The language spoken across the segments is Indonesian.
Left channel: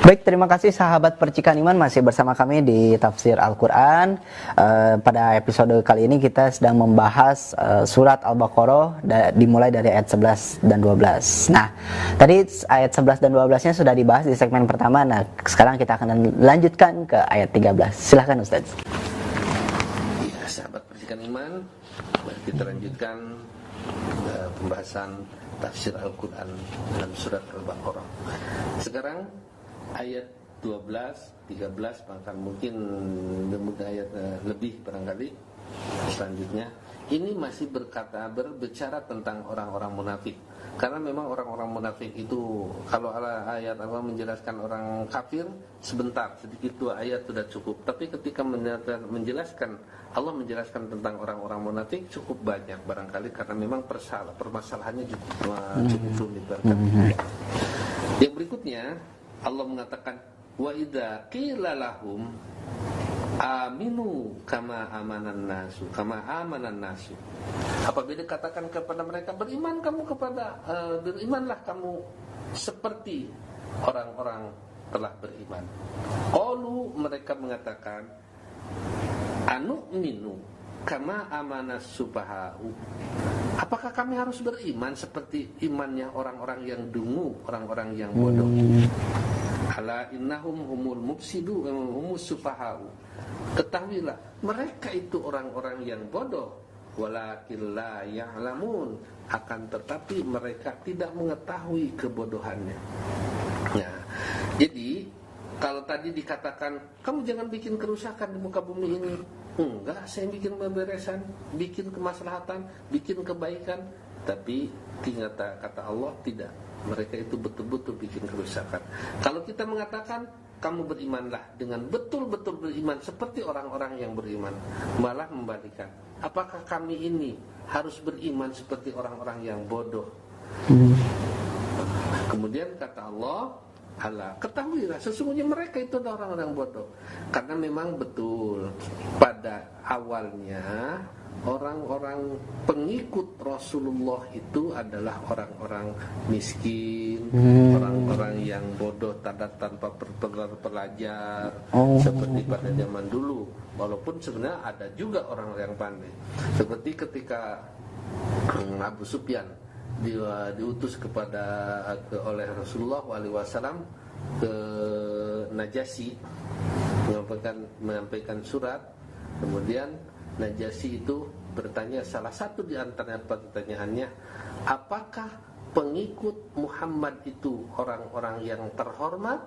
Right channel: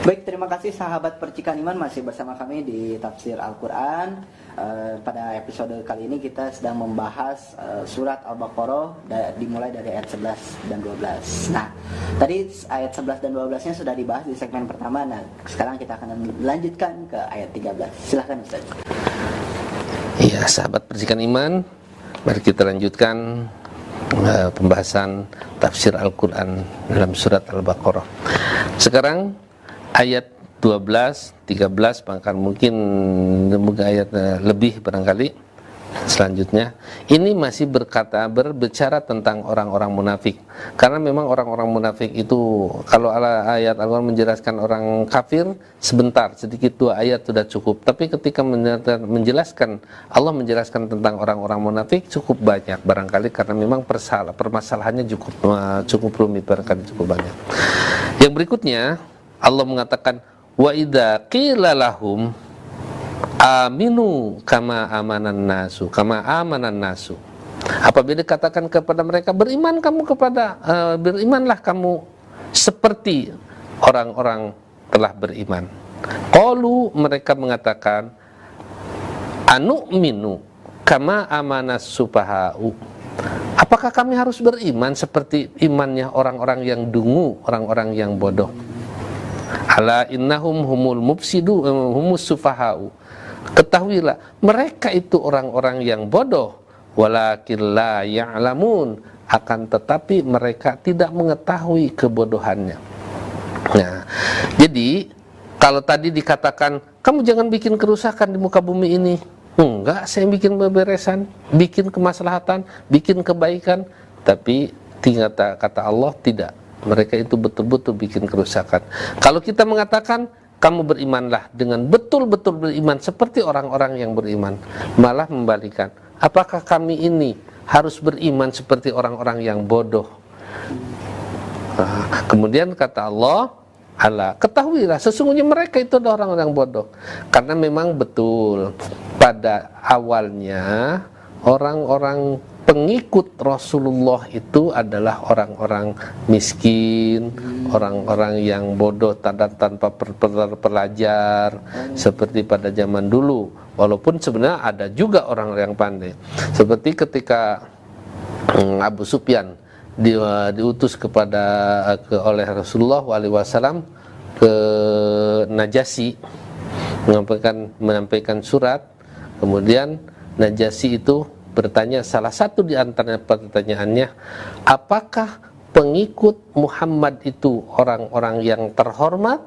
Baik, terima kasih sahabat Percikan Iman, masih bersama kami di Tafsir Al-Quran. Pada episode kali ini kita sedang membahas surat Al-Baqarah dimulai dari ayat 11 dan 12. Nah, tadi ayat 11 dan 12-nya sudah dibahas di segmen pertama. Nah, sekarang kita akan lanjutkan ke ayat 13. Silahkan Ustaz. Iya, sahabat Percikan Iman, mari kita lanjutkan pembahasan Tafsir Al-Quran dalam surat Al-Baqarah. Sekarang ayat 12, 13, bahkan mungkin ayat lebih barangkali selanjutnya. Ini masih berbicara tentang orang-orang munafik. Karena memang orang-orang munafik itu, kalau ayat Al-Quran menjelaskan orang kafir sebentar, sedikit 2 ayat sudah cukup. Tapi ketika menjelaskan, Allah menjelaskan tentang orang-orang munafik cukup banyak barangkali, karena memang permasalahannya cukup rumit barangkali, cukup banyak. Yang berikutnya Allah mengatakan, wa idza qila lahum aminu kama amanan nasu. Apabila dikatakan kepada mereka, berimanlah kamu seperti orang-orang telah beriman. Qalu, mereka mengatakan, anu'minu kama amanas supaha'u. Apakah kami harus beriman seperti imannya orang-orang yang dungu, orang-orang yang bodoh? Ala innahum humul mufsidu humus sufahau. Ketahuilah, mereka itu orang-orang yang bodoh, walakin la ya'lamun, akan tetapi mereka tidak mengetahui kebodohannya. Nah, jadi kalau tadi dikatakan kamu jangan bikin kerusakan di muka bumi ini, enggak, saya bikin beberesan, bikin kemaslahatan, bikin kebaikan. Tapi kata Allah tidak, mereka itu betul-betul bikin kerusakan. Kalau kita mengatakan kamu berimanlah dengan betul-betul beriman seperti orang-orang yang beriman, malah membalikan. Apakah kami ini harus beriman seperti orang-orang yang bodoh? Nah, kemudian kata Allah, ketahuilah sesungguhnya mereka itu adalah orang-orang yang bodoh. Karena memang betul pada awalnya orang-orang pengikut Rasulullah itu adalah orang-orang miskin, orang-orang yang bodoh tanpa pelajar, seperti pada zaman dulu. Walaupun sebenarnya ada juga orang yang pandai, seperti ketika Abu Sufyan diutus oleh Rasulullah SAW ke Najasyi menyampaikan surat. Kemudian Najasyi itu bertanya, salah satu di antara pertanyaannya, apakah pengikut Muhammad itu orang-orang yang terhormat,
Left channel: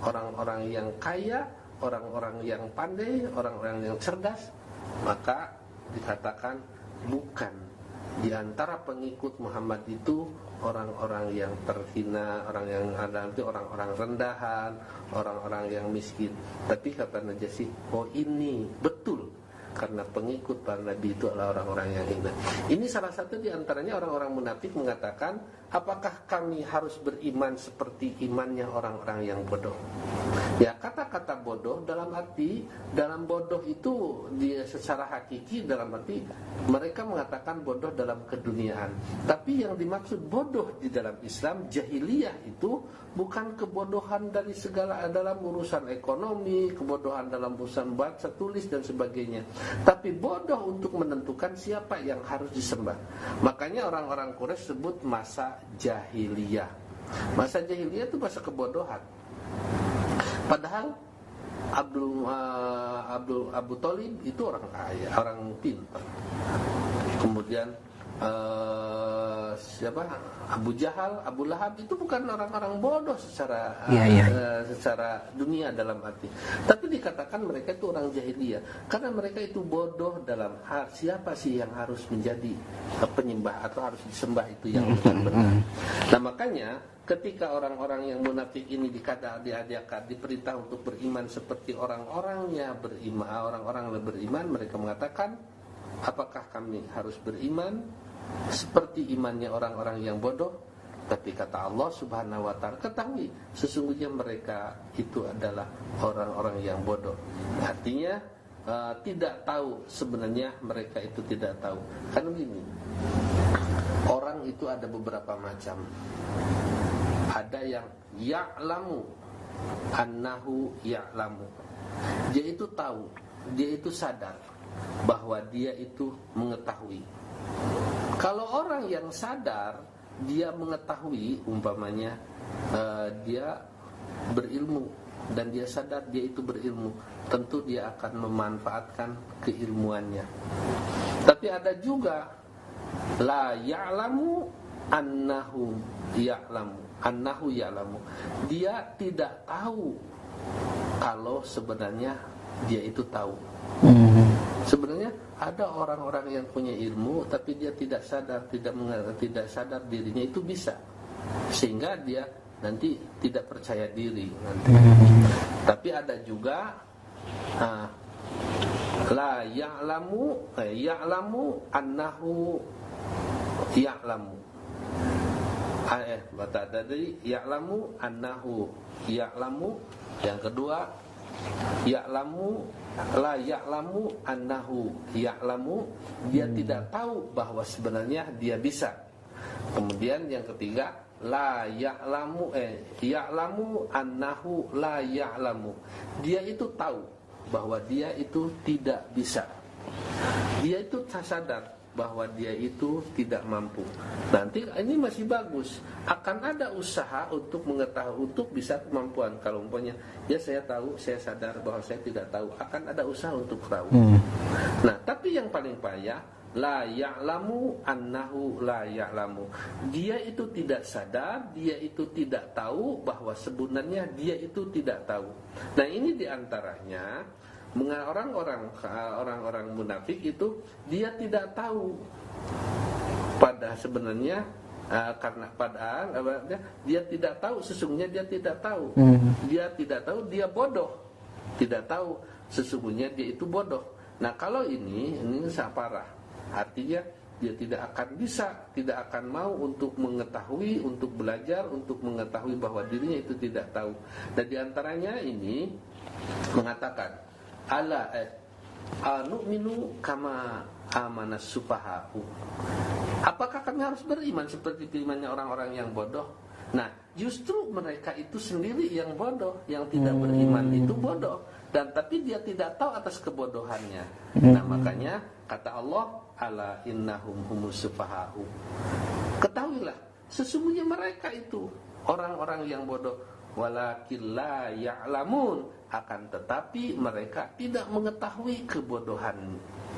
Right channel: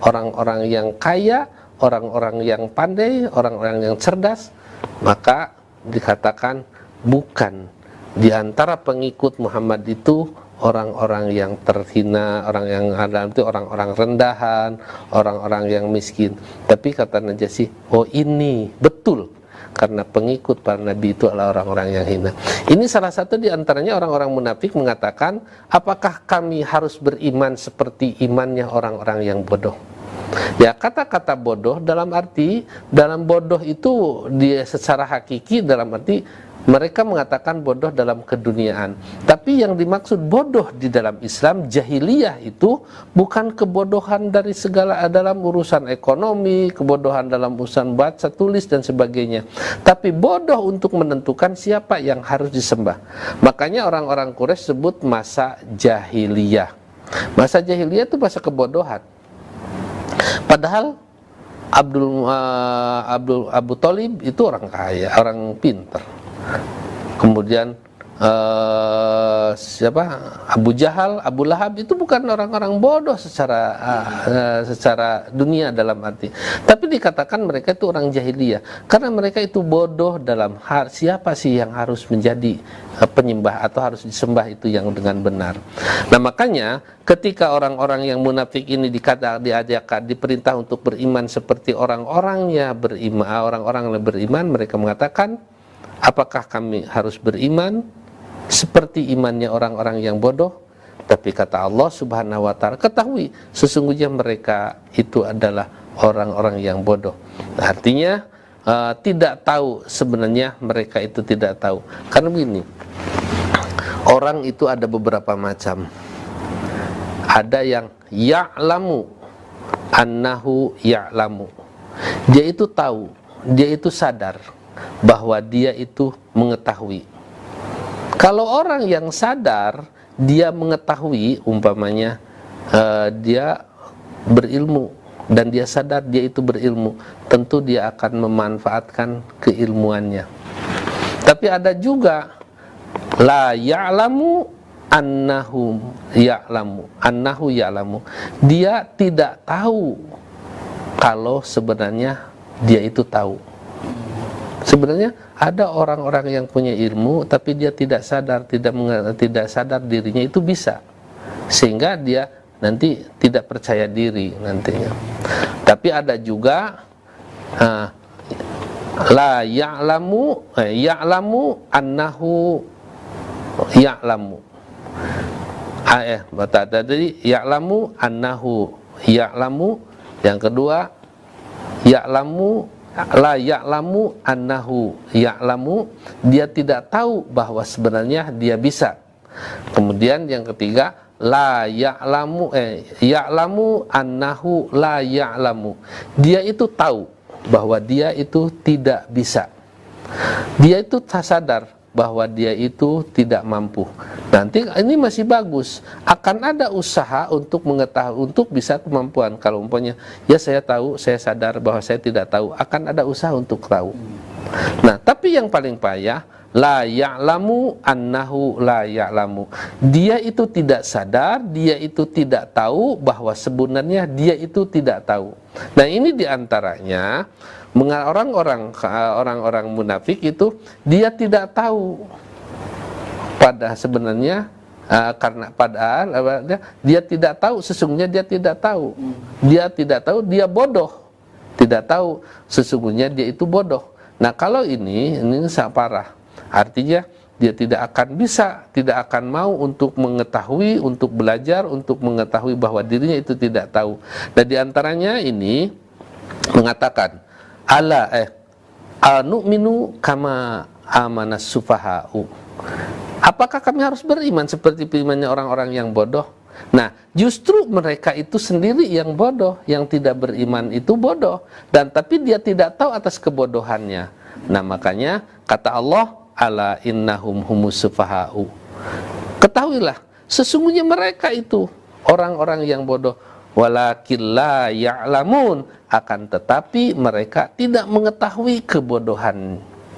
orang-orang yang kaya, orang-orang yang pandai, orang-orang yang cerdas? Maka dikatakan bukan. Di antara pengikut Muhammad itu orang-orang yang terhina, orang yang ada itu orang-orang rendahan, orang-orang yang miskin. Tapi kata Najasyi, oh ini betul, karena pengikut para nabi itu adalah orang-orang yang hina. Ini salah satu di antaranya orang-orang munafik mengatakan, apakah kami harus beriman seperti imannya orang-orang yang bodoh? Ya, kata-kata bodoh dalam bodoh itu dia secara hakiki dalam arti mereka mengatakan bodoh dalam keduniaan. Tapi yang dimaksud bodoh di dalam Islam, jahiliyah itu bukan kebodohan dari segala dalam urusan ekonomi, kebodohan dalam urusan baca, tulis dan sebagainya. Tapi bodoh untuk menentukan siapa yang harus disembah. Makanya orang-orang Quraisy sebut masa jahiliyah. Masa jahiliyah itu masa kebodohan. Padahal Abu Thalib itu orang kaya, orang pintar. Kemudian Abu Jahal, Abu Lahab itu bukan orang-orang bodoh secara dunia dalam arti. Tapi dikatakan mereka itu orang jahiliyah karena mereka itu bodoh dalam hal siapa sih yang harus menjadi penyembah atau harus disembah itu yang dengan benar. Nah, makanya ketika orang-orang yang munafik ini diperintah untuk beriman seperti orang-orang yang beriman, mereka mengatakan, apakah kami harus beriman seperti imannya orang-orang yang bodoh? Tapi kata Allah Subhanahu wa ta'ala, ketahui sesungguhnya mereka itu adalah orang-orang yang bodoh. Artinya tidak tahu, sebenarnya mereka itu tidak tahu. Karena begini, orang itu ada beberapa macam. Ada yang ya'lamu annahu ya'lamu. Dia itu tahu, dia itu sadar bahwa dia itu mengetahui. Kalau orang yang sadar, dia mengetahui, umpamanya dia berilmu dan dia sadar dia itu berilmu, tentu dia akan memanfaatkan keilmuannya. Tapi ada juga la ya'lamu annahu ya'lamu. Dia tidak tahu kalau sebenarnya dia itu tahu. Sebenarnya ada orang-orang yang punya ilmu tapi dia tidak sadar, tidak sadar dirinya itu bisa, sehingga dia nanti tidak percaya diri nanti. Tapi ada juga la ya'lamu annahu ya'lamu. Tadi ya'lamu annahu ya'lamu. Yang kedua ya'lamu la ya'lamu annahu ya'lamu, dia tidak tahu bahwa sebenarnya dia bisa. Kemudian yang ketiga la ya'lamu ya'lamu annahu la ya'lamu, dia itu tahu bahwa dia itu tidak bisa. Dia itu sadar bahwa dia itu tidak mampu. Nanti ini masih bagus, akan ada usaha untuk mengetahui, untuk bisa kemampuan. Kalau umpamanya, ya saya tahu, saya sadar bahwa saya tidak tahu, akan ada usaha untuk tahu. Nah, tapi yang paling payah, la ya'lamu annahu la ya'lamu. Dia itu tidak sadar, dia itu tidak tahu bahwa sebenarnya dia itu tidak tahu. Nah, ini diantaranya orang-orang munafik itu dia tidak tahu pada sebenarnya karena padahal dia tidak tahu, sesungguhnya dia tidak tahu. Dia tidak tahu, dia bodoh. Tidak tahu, sesungguhnya dia itu bodoh. Nah, kalau ini sangat parah. Artinya dia tidak akan bisa, tidak akan mau untuk mengetahui, untuk belajar, untuk mengetahui bahwa dirinya itu tidak tahu. Dan diantaranya ini mengatakan anu'minu kama amanas sufaha'u. Apakah kami harus beriman seperti berimannya orang-orang yang bodoh? Nah, justru mereka itu sendiri yang bodoh, yang tidak beriman itu bodoh, dan tapi dia tidak tahu atas kebodohannya. Nah, makanya kata Allah, ala innahum humus sufaha'u. Ketahuilah, sesungguhnya mereka itu orang-orang yang bodoh. Walakin la ya'lamun, akan tetapi mereka tidak mengetahui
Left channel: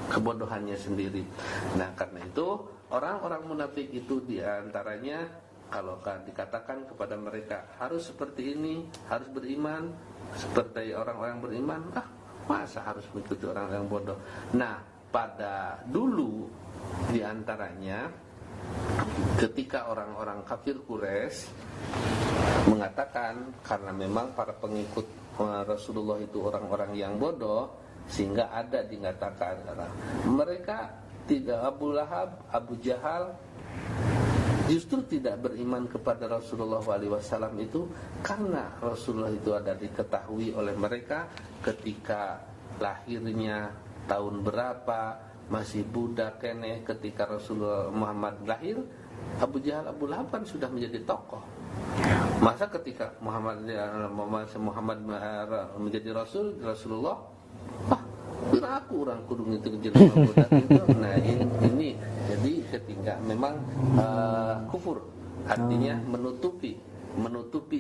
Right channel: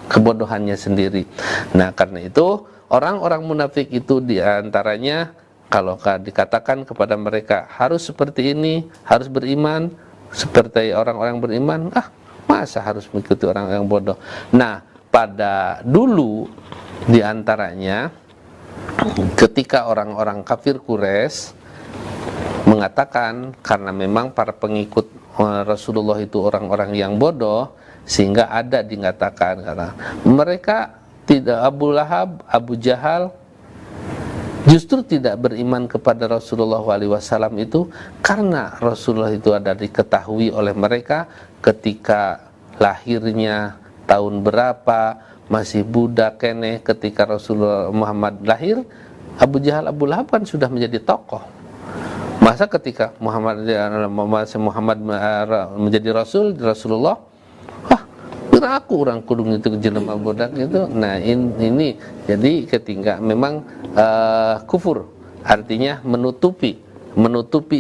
kebodohannya sendiri. Nah, karena itu orang-orang munafik itu diantaranya kalau dikatakan kepada mereka harus seperti ini, harus beriman seperti orang-orang beriman, masa harus mengikuti orang yang bodoh. Nah, pada dulu diantaranya ketika orang-orang kafir Quraisy mengatakan karena memang para pengikut Rasulullah itu orang-orang yang bodoh, sehingga ada dikatakan karena mereka tidak, Abu Lahab, Abu Jahal justru tidak beriman kepada Rasulullah SAW itu karena Rasulullah itu ada diketahui oleh mereka ketika lahirnya tahun berapa, masih budak kene. Ketika Rasulullah Muhammad lahir, Abu Jahal, Abu Lahab kan sudah menjadi tokoh. Masa ketika Muhammad menjadi Rasulullah, kira aku orang kudung itu jelema budak itu. Nah, ini jadi ketika memang kufur, artinya menutupi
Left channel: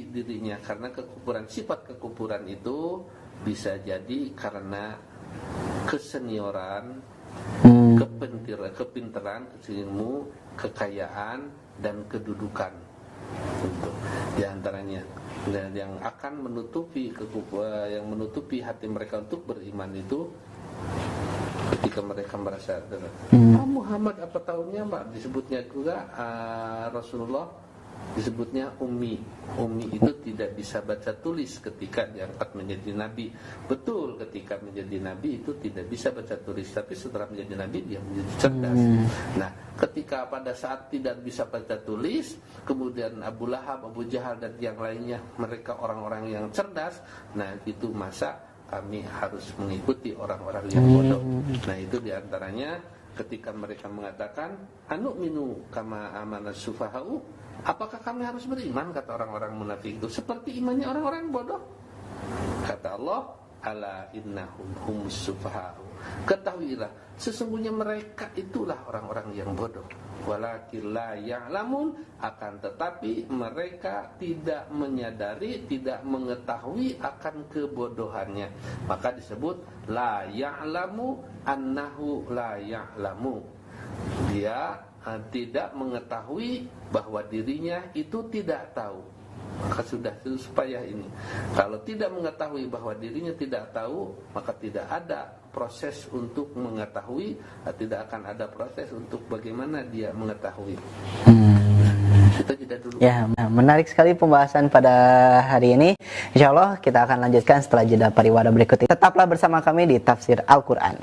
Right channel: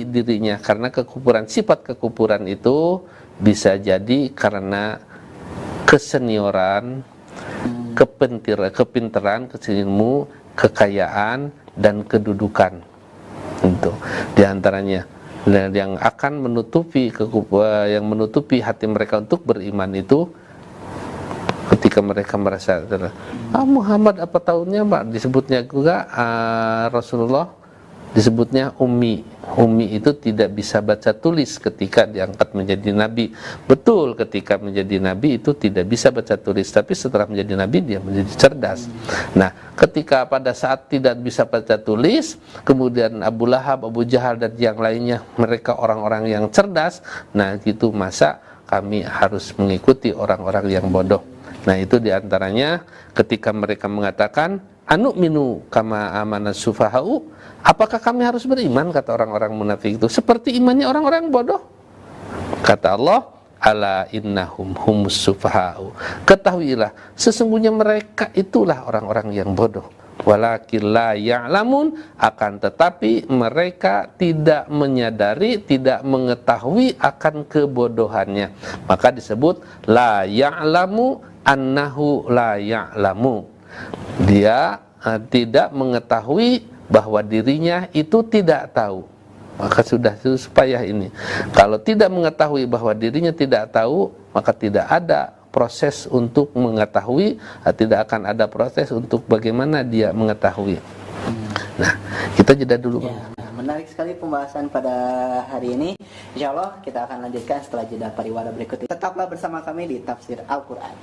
dirinya karena kekufuran. Sifat kekufuran itu bisa jadi karena kesenioran, kepintaran, ilmu, kekayaan dan kedudukan. Itu diantaranya yang akan menutupi hati mereka untuk beriman itu ketika mereka merasa Muhammad apa tahunnya Mbak, disebutnya juga Rasulullah disebutnya ummi itu tidak bisa baca tulis ketika diangkat menjadi nabi. Betul, ketika menjadi nabi itu tidak bisa baca tulis, tapi setelah menjadi nabi dia menjadi cerdas. Nah, ketika pada saat tidak bisa baca tulis, kemudian Abu Lahab, Abu Jahal dan yang lainnya mereka orang-orang yang cerdas, nah itu masa kami harus mengikuti orang-orang yang bodoh. Nah, itu diantaranya ketika mereka mengatakan anu'minu kama amanas sufaha'u, apakah kami harus beriman, kata orang-orang munafik itu, seperti imannya orang-orang bodoh? Kata Allah, ala innahum humus sufaha'u. Ketahuilah, sesungguhnya mereka itulah orang-orang yang bodoh. Walakin la ya'lamun, akan tetapi mereka tidak menyadari, tidak mengetahui akan kebodohannya. Maka disebut la ya'lamu annahu la ya'lamu. Dia tidak mengetahui bahwa dirinya itu tidak tahu. Maka sudah supaya ini. Kalau tidak mengetahui bahwa dirinya tidak tahu, maka tidak ada proses untuk mengetahui, tidak akan ada proses untuk bagaimana dia mengetahui. Nah, kita jeda dulu. Ya, menarik sekali pembahasan pada hari ini. Insya Allah kita akan lanjutkan setelah jeda pariwara berikut ini. Tetaplah bersama kami di Tafsir Al-Quran.